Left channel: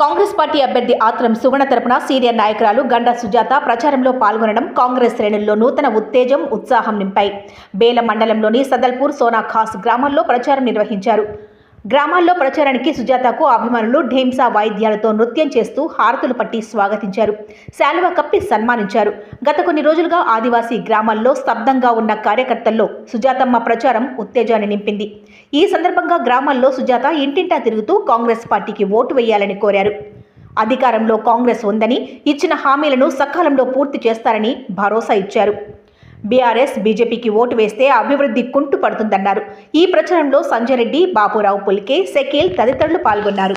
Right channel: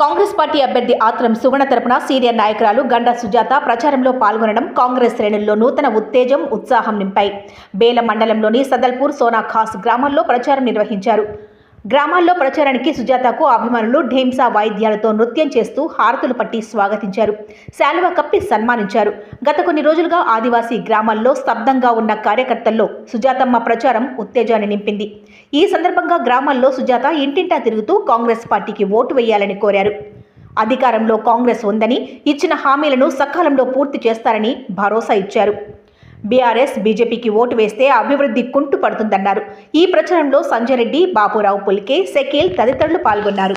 Congress party అభ్యర్థి ఆత్రం సుగుణ తరపున senior నాయకురాలు గండా సుజాత ప్రచారంలో పాల్గొనడం కాంగ్రెస్ శ్రేణుల్లో నూతన ఉత్తేజం ఉత్సాహం నింపాయి. బేల మండలంలోని సదల్పూర్ సోనా ఖాస్ గ్రామంలో ప్రచారం నిర్వహించారు. గ్రామాల్లో ప్రచారానికి సుజాతకు అభిమానులు ఢేంసా వాయిద్యాలతో నృత్యం చేస్తూ హారతులు పట్టి స్వాగతించారు. శాలువ కప్పి సన్మానించారు. గత కొన్ని రోజులుగా ఆదివాసీ గ్రామాల్లో స్తబ్దంగా ఉన్న కార్యకర్తల్లో సుజాతమ్మ ప్రచారం ఉత్తేజాన్ని నింపింది. ఈ సందర్భంగా గ్రామాల్లో సుజాత ఇంటింటా తిరుగుతూ కాంగ్రెస్ పార్టీకి ఓటు వేయాలని కోరారు. అధికారంలో కాంగ్రెస్ ఉందని ఇచ్చిన హామీలను సకాలంలో పూర్తి చేస్తారని భరోసా ఇచ్చారు. బీఆర్ఎస్ బీజేపీకి ఓటు వేస్తే అభివృద్ధి కుంటు పడుతుందన్నారు ఈ ప్రచారంలో సంజయ్ రెడ్డి బాపురావు పుల్కే సెకిల్ తదితరులు పాల్గొన్నారు.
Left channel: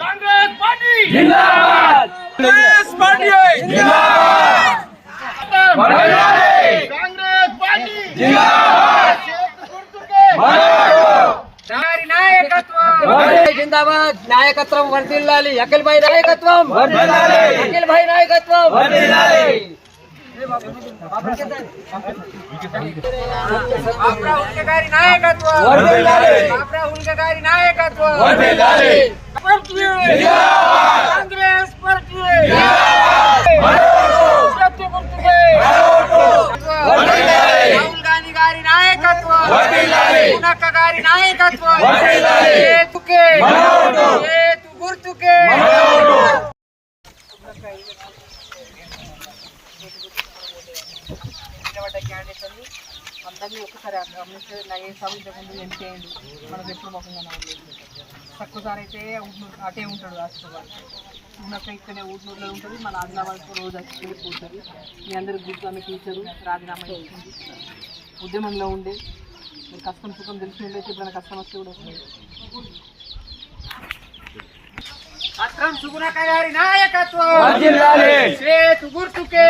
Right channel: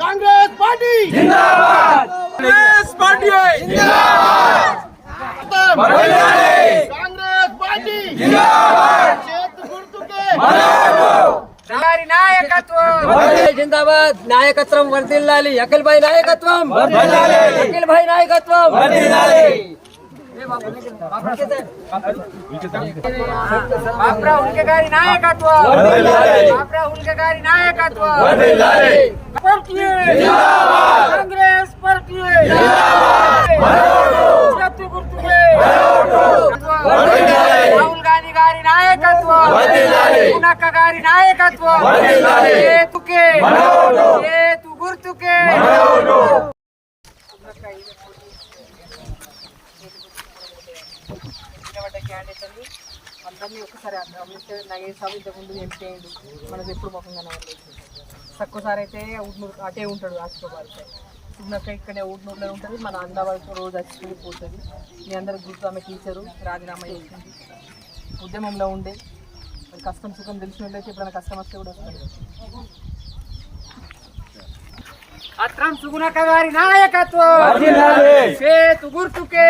Congress party Congress party Congress party గారి నాయకత్వం జిందాబాద్ నాయకత్వం వర్దిల్లాలి అఖిల్ భాయ్ నాయకత్వం అఖిల్ భాయ్ నాయకత్వం బాప్ రాహుల్ కే గారి నాయకత్వం బాప్ రాహుల్ కే గారి నాయకత్వం కాంగ్రెస్ పార్టీ సత్య గుర్తుకే రాహుల్ గాంధీ గారి నాయకత్వం పూనక్క గారి నాయకత్వం ఏతుకే ఏతు గుర్తుకే నిలబడ్డ క్యాండిడేట్ అండి అందరినీ ఒకసారి గమనిస్తే నా ఏ ఇంతకుముందు ఎంపీ అయ్యిండు మనకు ఎప్పుడు ముఖంగా నవ్వలేదు తక్కువసారి అయితే ఊట్నూరు అటే ఉంటాడు రాష్ట్రబాద్ చిన్నక్క ఇక్కడే ఊట్నూరులో ఉంటుంది. మన ఆదిలాబాద్కు రోజు వచ్చి పోతుంది. మీ అందరికి గుర్తు ఆమె టీచరు రాజీనామా చేసింది ఉద్యమంలో ఉండే. మరి కష్టం సుఖం తెలిసిన వాళ్ళు అయితే ఎప్పుడైనా కష్టం వస్తే కూడా వస్తుంది అత్రం సుగుణక గారి నాయకత్వం. చేతు గుర్తుకే.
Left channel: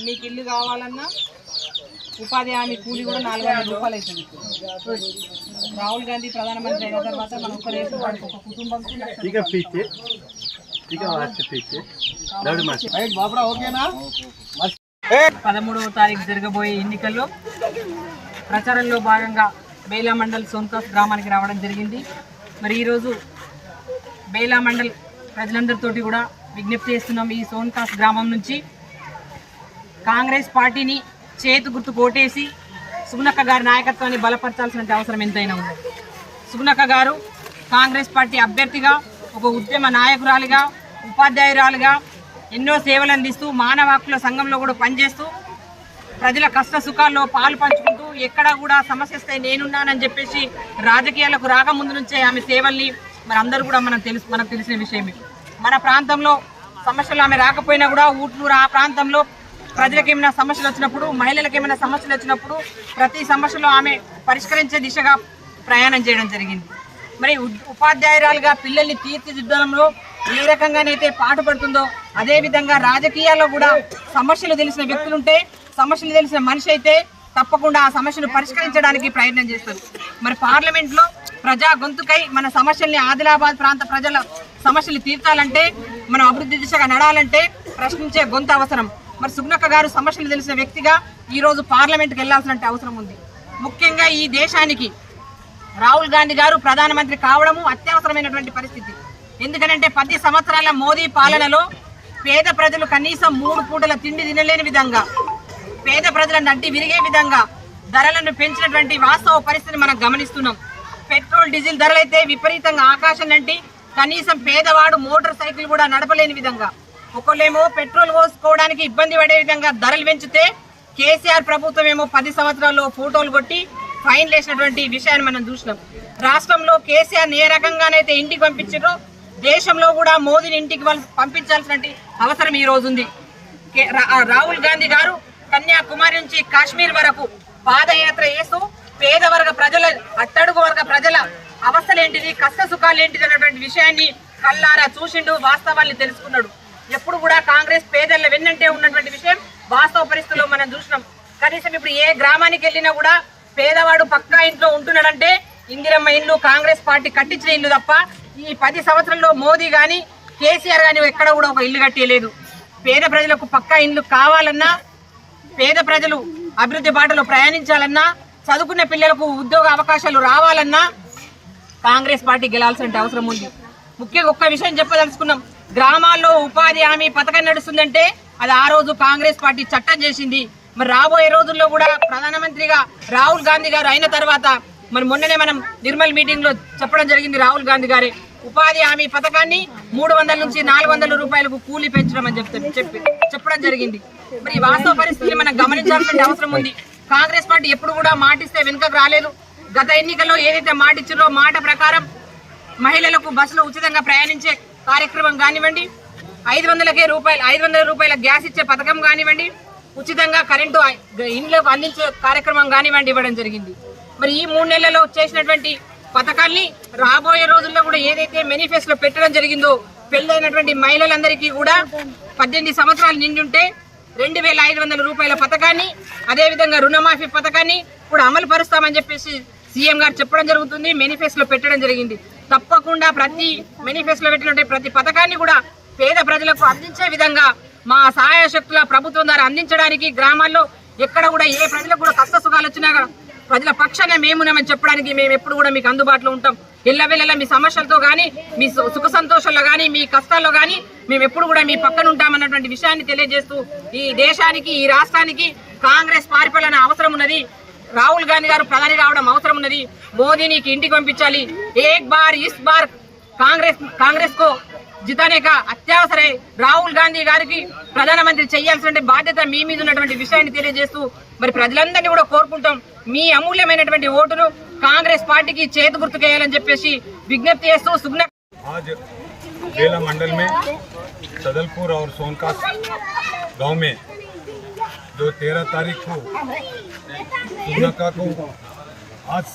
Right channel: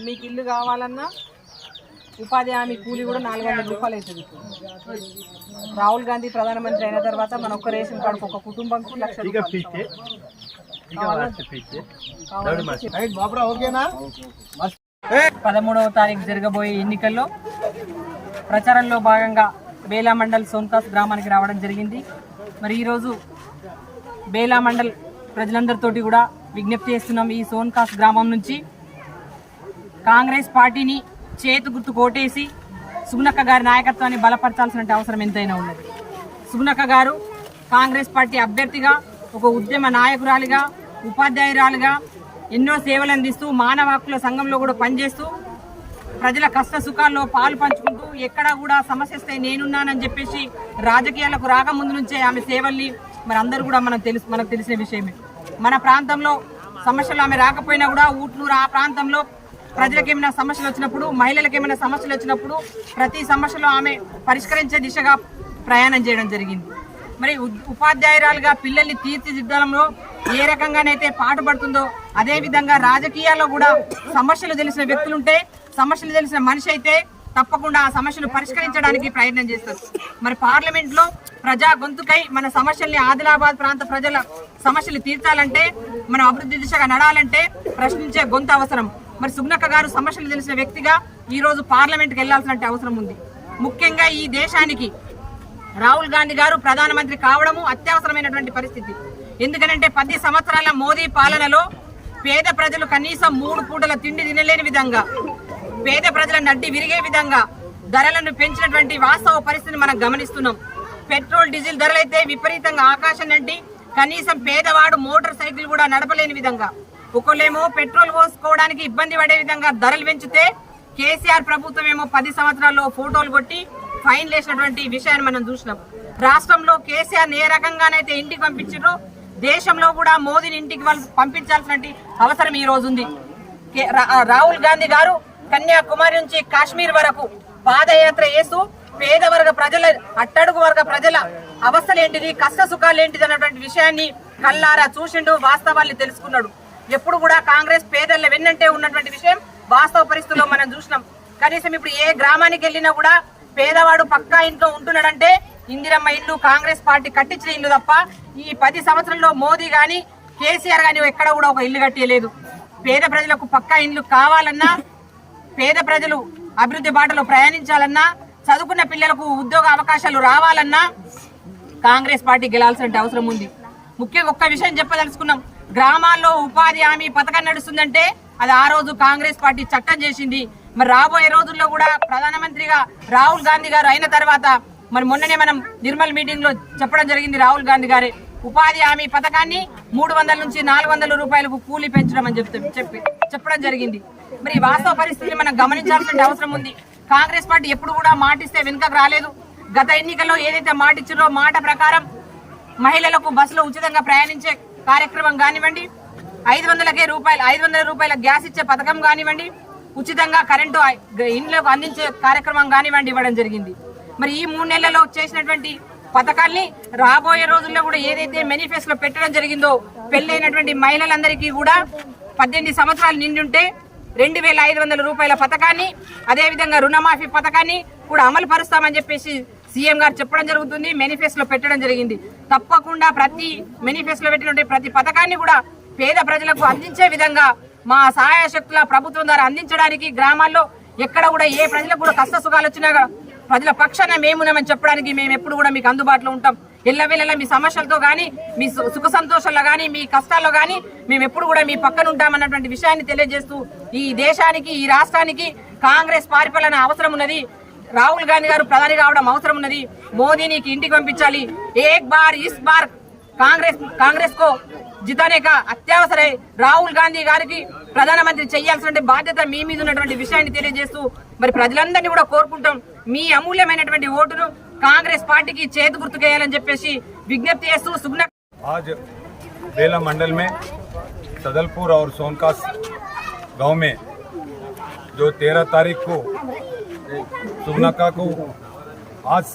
మీకు ఇల్లు కావాలన్నా ఉపాధి హామీ కూలి కూడా నాలుగు వందల రూపాయలు అవుతుంది రాహుల్ గాంధీ ప్రధానమంత్రి అయిన తర్వాత మన ఒక్క రేషన్ కార్డు ఒక కుటుంబం పదమూడవ తారీఖు జరగబోయే ఎన్నికల్లో ప్రచారంలో భాగంగా బేలా మండల్ సోన్కాస్ గ్రామానికి రావడం జరిగింది. మరి ఈరోజు బేలా మండల్ ప్రజలందరితోటి కూడా విజ్ఞప్తి చేస్తున్నాం ఈ సోన్కాస్ గ్రామం నుంచి. కాంగ్రెస్ పార్టీని చేతు గుర్తు కోటేసి సుగుణక్క గారి నాయకత్వాన్ని బలపరచాల్సిన అవసరం ఎంతైనా ఉన్నది. సుగుణక్క గారు కాంగ్రెస్ పార్టీ అభ్యర్థిగా ఒక ఉద్యమ నాయకురాలిగా ఉపాధ్యాయురాలుగా ఎన్నో సేవలు అందిస్తూ మానవ హక్కుల సంఘంలో కూడా పనిచేస్తూ ప్రజల కష్ట సుఖాల్లో పాలు పంచుకుంటూ ఎక్కడా కూడా సమస్య వస్తే నేనున్నానని చెప్పేసి రాజకీయాలకు రాకముందు నుంచే ఆమె సేవల్ని మరి అందరూ కూడా మనం తెలుసు మనకు తెలిసిన విషయమే. మన ప్రాంతంలో సమస్యలు ఆమె రాకపోయినా కూడా ఊట్లూరు ఆ ప్రాంతంలో ప్రజలకు ఏమైనా సమస్యలు వచ్చినప్పుడు మహిళలకు ఏమైనా సమస్యలు వచ్చినప్పుడు ప్రతి సమస్యలో ఆమె పరిష్కరించే దిశగా ప్రయాణం చేయడం జరిగింది. మరి ఉపాధ్యాయురాలుగా పిల్లల్ని తీర్చిదిద్దడంలో ఏ రకంగానైతే పాటుపడుతుందో అదేవిధంగా రాజకీయాల్లో కూడా సమస్యలు తెలిసిన వ్యక్తులుంటే సమస్యలు తెలిసిన మనిషి అయితే తప్పకుండా ఆ సమస్యను పరిష్కరించడానికి ప్రయత్నం చేస్తారు. మరి పార్లమెంట్లో ప్రజా గొంతుకై మన సమస్యల్ని ఆదిలాబాద్ ప్రాంత ప్రజల సమస్యలు తీర్చాలంటే మనం అభివృద్ధి దిశగా నడాలంటే ప్రశ్నించే గొంతు అవసరం. మరి సుగ్నక్క గారు సమస్యలు తెలిసిన వ్యక్తిగా ఈ రోజు పార్లమెంట్కి వెళ్ళాల్సిన అవసరం ఉంది. ముఖ్యంగా ఈ దేశానికి రాహుల్ గాంధీ గారు ప్రధానమంత్రి కావడము అత్యవసరమైనటువంటి పరిస్థితి. ఎందుకంటే పది సంవత్సరాల మోదీ పాలనలో పేద ప్రజలు కనీసం మూడు పూటల తిండి తినలేని విధంగా పేద ప్రజల నడ్డి విరిగే విధంగా ధరలను పెంచినటువంటి వాస్తవ పరిస్థితిని మనం గమనిస్తున్నాం. పెట్రోల్ డీజిల్ ధరలైతే విపరీతంగా ఆకాశం నంటి కనీసం పేదవాడు మోటార్ సైకిల్ కూడా నడపలేని విధంగా. ఒకళ్ళేమో పెట్రోల్ పోసుకోవడానికి ఇబ్బంది పడే విధంగా ధరలు పెంచితే కేసీఆర్ ప్రభుత్వం ఏమో పది సంవత్సరాల్లో ఫోటోలు కొట్టి ఫైన్ వేసినటువంటి విషయాన్ని మనం చూసినాం. రాష్ట్రంలో కేసీఆర్ ఏ రకంగానైతే ఇంటికి పంపించారో దేశంలో కూడా మోదీని ఇంటికి పంపించాల్సిన అవసరం ఈ రోజు ఉంది కే- రా- రాహుల్ గాంధీ గారు కన్యాకుమారి నుంచి కాశ్మీర్ వరకు పాదయాత్ర చేస్తూ పేద వర్గ ప్రజల అట్టడుగు వర్గ ప్రజల అవస్థలేంటిది కష్ట సుఖాలేంటిది అన్నటువంటి విషయాన్ని కల్లారా చూసిండు వాస్తవాన్ని తెలుసుకున్నాడు. ఎప్పుడు కూడా కాంగ్రెస్ పేదల వెన్నంటే ఉన్నటువంటి విషయం వాస్తవ పరిస్థితుల్లో మనం చూసినాం. కనీసం ఇప్పుడు ఏ గ్రామానికి వెళ్ళినా కూడా పేదవాడు పక్కా ఇంట్లో ఉంటున్నాడంటే ఇందిరమ్మ ఇల్లు కాంగ్రెస్ పార్టీ కట్టించిన ఇల్లు తప్ప ఈ పది సంవత్సరంలో మోదీ గాని కేసీఆర్ గాని ఎక్కడ కూడా ఒక ఇల్లు కట్టేయలేదు. పేద ప్రజలకు పక్కా ఇల్లు కావాలన్నా పేద ప్రజలు అభివృద్ధి బాటలో ప్రయాణించాలన్నా చదువుకున్న పిల్లలకు ఉద్యోగ అవకాశాలు రావాలన్నా కాంగ్రెస్ పార్టీ గెలాల్సిన అవసరం ఉంది. ముఖ్యంగా ఒక్క విషయం చెప్పదలుచుకున్నాం. గ్రామాల్లో ఉపాధి హామీ పథకం నడుస్తుందంటే అది ఆ రోజు కాంగ్రెస్ పార్టీ చట్టం చేసింది. మరి రాబోయే రోజుల్లో కూడా ప్రధానమంత్రిగా రాహుల్ గాంధీ గారు అయిన తర్వాత మరి మొన్ననే మనం నిర్మల్ మీటింగ్లో చెప్పడం జరిగింది రాహుల్ గాంధీ గారే. ఉపాధి హామీ పథకాన్ని మూడు వందల నుంచి నాలుగు వందల రూపాయలకు కూలీ పెంచడం అని చెప్తే చెప్పి చెప్పడం జరిగింది. మరి వాస్తవ పరిస్థితిని మనం గమనించాల్సిన అవసరం ఉంది. కాంగ్రెస్ పార్టీ ఎప్పుడు కూడా మాటిస్తే వెనుకకు రాలేదు. గత ఎన్నికల్లో ఏదైతే మాట మాట ప్రకారం మహిళలకు బస్సులో ఉచితంగా ప్రయాణించే కార్యక్రమం కానివ్వండి ఐదు వందలకే రూపాయలు ఐదు వందల రూపాయల గ్యాస్ ఇచ్చే పథకం కానివ్వండి ఉచితంగా కరెంటు ఇండ్లకు అందించే కార్యక్రమం కానివ్వండి ఇవ్వడం జరిగింది. మరి ఈ మూడు నెలల్లో చేసినటువంటి పథకాల్ని రాబోయే రోజుల్లో కూడా ఏదైతే మేనిఫెస్టోలో పెట్టడం జరిగిందో పెళ్ళైనటువంటి మహిళలందరికీ కూడా పద్దెనిమిది సంవత్సరాలు నిండుంటే రెండు వేల ఐదు వందల రూపాయల పథకాన్ని అదేవిధంగా రుణమాఫీ పథకాన్ని కూడా అమలు పరుస్తామని చెప్పేసి సీఎం గారు చెప్పడం జరుగుతుంది మేనిఫెస్టోలో పెట్టడం జరిగింది. తప్పకుండా ప్రతి మేనిఫెస్టోలో పెట్టినటువంటి ప్రతి పథకాన్ని కూడా పేద ప్రజలకు అందించే విధంగా మా సహాయ శక్తుల ప్రభుత్వం ద్వారా అందించడానికి గ్రామాల్లో ఎక్కడ కూడా ఏ ప్రజలకు కూడా కష్ట సుఖాలు వచ్చినా ప్రజల పక్షాన మేమున్నామని చెప్పడానికి మేము ఎప్పుడు కూడా మీకు అందుబాటులో ఉంటాం. ఎల్లవెల్లలా మీ సమస్యలతో కానీ మీ సు- సుఖ సంతోషాల్లో కానీ మీ కష్టాల్లో కానీ మేము ఎప్పుడు కూడా మీ పక్కన ఉంటామన్నటువంటి విషయాన్ని తెలియజేస్తూ ఈ దేశానికి ఈ రాష్ట్రానికి కాంగ్రెస్ పరిపాలన అవసరం ఉన్నది. రాహుల్ గాంధీ గారు ప్రధాని కావడం అవసరం ఉన్నది. మోదీనికి ఇంటికి పంపించాలి. ఏక్ బార్ ఇస్ బార్ కాంగ్రెస్ కాంగ్రెస్ కో జితానేక అత్యవసరై అత్యవసర రాహుల్ గాంధీ గారికి ప్రధానమంత్రి చేయాల్సిన బాధ్యత మీ మీద ఉన్నటువంటి విషయాన్ని తెలియజేస్తూ మరి ప్రజలందరినీ కూడా కోరుకుంటాం. మీ అమూల్యమైనటువంటి ఓటును కాంగ్రెస్ పార్టీకి చేతి గుర్తుకేయాలని చెప్పేసి విజ్ఞప్తి చేస్తూ సుగ్న आज बेला मंडल में सदलपुर और सोनकास गांव में जो तेरह तारीख को सुगनाका को आज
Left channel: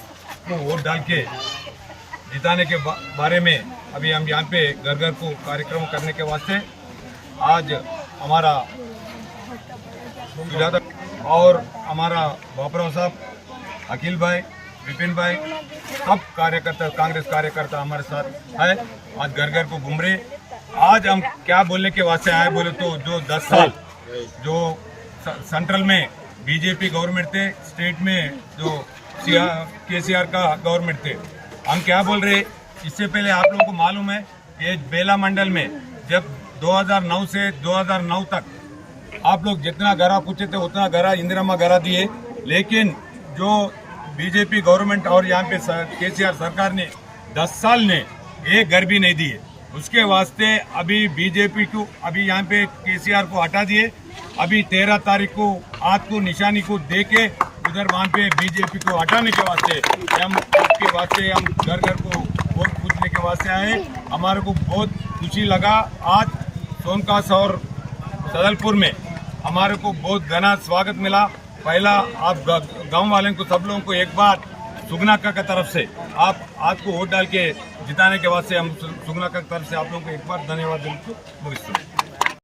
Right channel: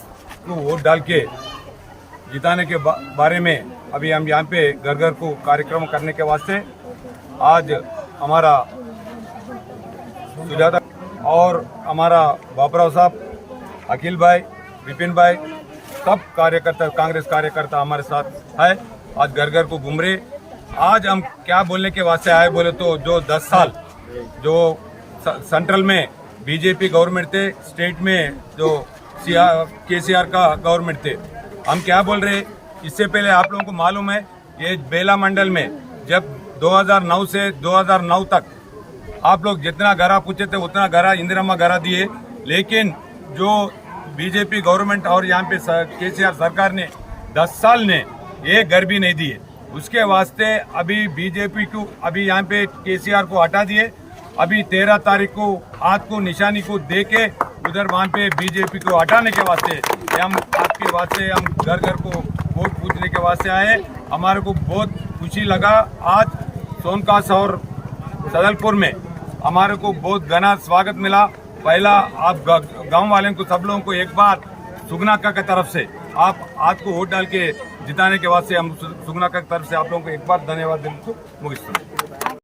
को वोट डाल के जिताने के बा, बारे में अभी हम यहाँ पे घर घर को कार्यक्रम करने के वास्ते आज हमारा सुजाता और हमारा बापराव साहब अखिल भाई विपिन भाई, सब कार्यकर्ता, कांग्रेस कार्यकर्ता हमारे साथ है। आज घर घर को घूम रहे आज हम क्या बोलने के वास्ते आए बोले तो जो 10 साल, जो सेंट्रल में बीजेपी गवर्नमेंट थे स्टेट में जो के सी आर का गवर्नमेंट थे। हम क्या बोल रहे इससे पहले आप लोगों को मालूम है ये बेला मंडल में जब 2009 से 2009 तक आप लोग जितना घरा पूछे थे, उतना घरा इंदिरामा घरा दिए। लेकिन जो बीजेपी गवर्नमेंट और यहाँ पे केसीआर सरकार ने 10 साल ने घर भी नहीं दिए उसके वास्ते अभी बीजेपी को, अभी यहाँ पे केसीआर को हटा दिए। अभी तेरह तारीख को, आज को निशानी को दे के उधर वहाँ पे बीजेपी को हटाने के वास्ते हम आपके वास्ते, हम घर घर को वोट पूछने के वास्ते आए हमारे को बहुत खुशी लगा। आज सोनकास और सदलपुर में हमारे को बहुत घना स्वागत मिला। पहला, आप गाँव वाले को, सब लोगों को एक बार सुगनाका की तरफ़ से, आप आज को वोट डाल के जिताने के बाद से हम सुगनाका की तरफ़ से आप लोगों को एक बार धन्यवाद देने को मुख्य